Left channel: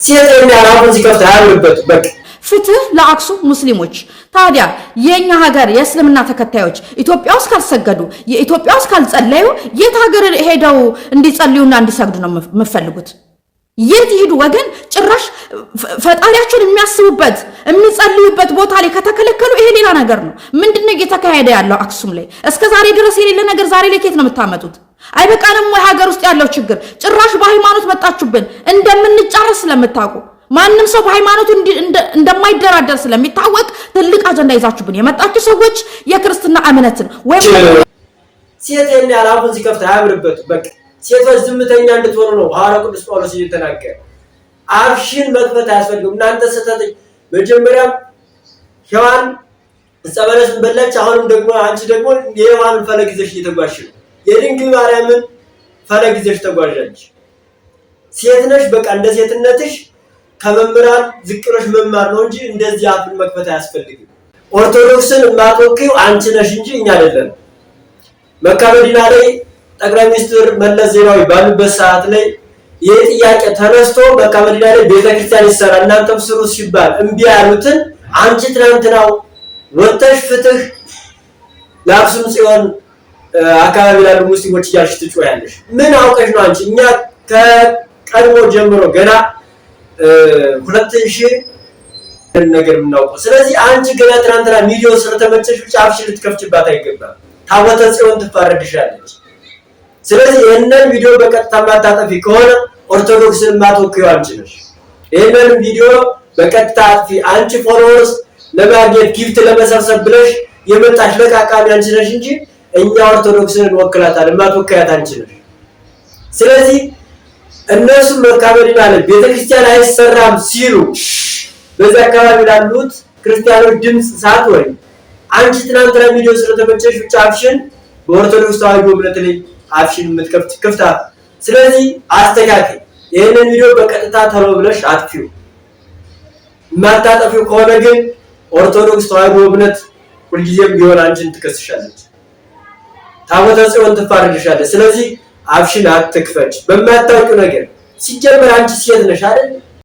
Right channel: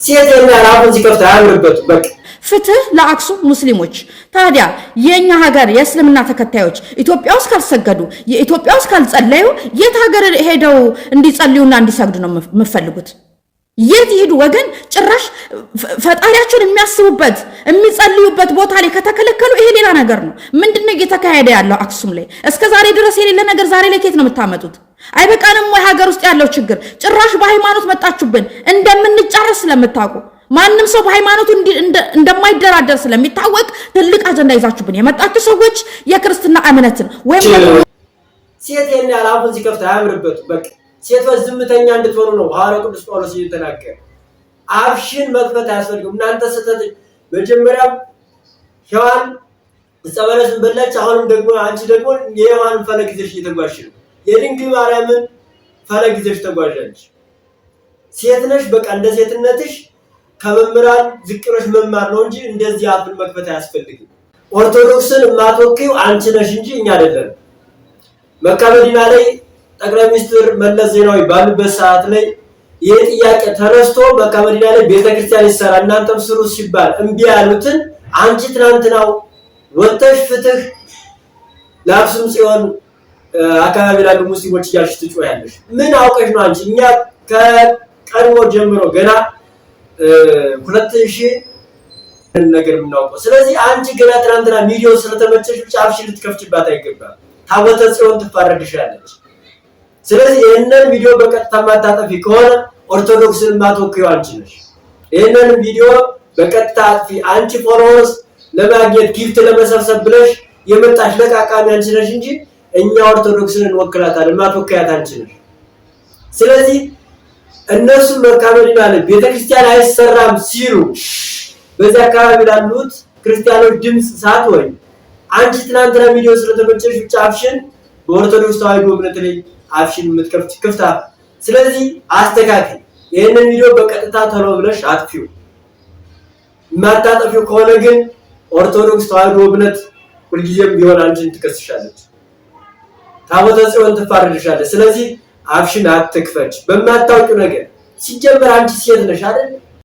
ሲያደርግ አራውን ሲከፍታ ያምርበት በቃ ፍትህ ለአክሱም ሙስሊሞች። ታዲያ የኛ ሀገር የእስልምና ተከታዮች ኢትዮጵያ ውስጥ ካልሰገዱ የኢትዮጵያ ውስጥ ካልጸለዩ የት ሀገር ሄደው እንዲጸልዩና እንዲሰግዱ ነው የምፈልጉት? የት ይሄዱ ወገን? ጭራሽ ፈጣሪያቸውን የሚያስቡበት የሚጸልዩበት ቦታ ላይ ከተከለከሉ ይሄ ሌላ ነገር ነው። ምንድነው እየተካሄደ ያለው አክሱም ላይ? እስከ ዛሬ ድረስ የሌለ ነገር ዛሬ ላይ ከየት ነው የምታመጡት? አይበቃንም ወይ ሀገር ውስጥ ያለው ችግር? ጭራሽ በሃይማኖት መጣችሁብን። እንደምንጫረስ ስለምታውቁ ማንም ሰው በሃይማኖቱ እንደማይደራደር ስለሚታወቅ ትልቅ አጀንዳ ይዛችሁብን የመጣችሁ ሰዎች የክርስትና እምነትን ወይም ሴት ያራውን ሲከፍታ ያምርበት በቃ ሴቶች ዝምተኛ እንድትሆኑ ነው ሐዋርያው ቅዱስ ጳውሎስ እየተናገረ። አፍሽን መክፈት አያስፈልግም። እናንተ ሰተት መጀመሪያ ሔዋን ጸበለስን በላች። አሁንም ደግሞ አንቺ ደግሞ የሔዋንን ፈለግ ይዘሽ እየተጓዝሽ ነው። የድንግል ማርያምን ፈለግ ይዘሽ ተጓዣለሽ። ሴት ነሽ በቃ እንደ ሴትነትሽ ከመምራን ዝቅሮሽ መማር ነው እንጂ እንደዚህ አፍን መክፈት አያስፈልግም። ኦርቶዶክስን ማጥወቂው አንቺ ነሽ እንጂ እኛ አይደለም። መካ መዲና ላይ ጠቅላይ ሚኒስትር መለስ ዜናዊ ባሉበት ሰዓት ላይ ይሄ ጥያቄ ተነስቶ መካ መዲና ላይ ቤተክርስቲያን ይሰራ እናንተም ስሩ ሲባል እምቢ ያሉትን አንቺ ትናንትናው ወተሽ ፍትህ ለአክሱም ጽዮን አካባቢ ላሉ ሙስሊሞች እያልሽ ትጮያለሽ። ምን አውቀሽ ነው አንቺ? እኛ ከቀድሞ ጀምሮ ገና 2000 ነገር የምናውቀው። ስለዚህ አንቺ ገና ትናንትና ሚሊዮን ስለተመቸሽ ብቻ አፍሽን ልትከፍችባት አይገባም። ታቦተ ጽዮን ትፋረድሻለች። ስለዚህ ይሄንን ቪዲዮ በቀጥታ ማታጠፊ ከሆነ ኦርቶዶክስን ማጥወቂው አንቺ ነሽ። ይሄንን ቪዲዮ በቀጥታ አጥፊ። አንቺ ፎሎወርስ ለማግኘት ጊፍት ለመሰብሰብ ብለሽ የመጣሽ ለቃቃሚ አንቺ ነሽ እንጂ እኛ ኦርቶዶክስን እንወክላታለን ማጥወቂያት አንቺ ነሽ። ስለዚህ እነሱ መካ መዲና ላይ ቤተክርስቲያን አይሰራም ሲሉ በዛ አካባቢ ላሉት ክርስቲያኖች ድምጽ ሳትሆን አንቺ ትናንትና ቪዲዮ ስለተመቸሽ ብቻ አፍሽን በኦርቶዶክስ ተዋህዶ እምነት ላይ አፍሽን የምትከፍት ክፍታ። ስለዚህ አስተካክል። ይሄንን ቪዲዮ በቀጥታ ተሎ ብለሽ አጥፊው። ማታጠፊው ከሆነ ግን ኦርቶዶክስ ተዋህዶ እምነት ሁልጊዜም ቢሆን አንቺን ትከስሻለች፣ ታቦተ ጽዮን ትፋረድሻለች። ስለዚህ አፍሽን አትክፈች በማታውቂው ነገር። ሲጀመር አንቺ ሴት ነሽ አይደል?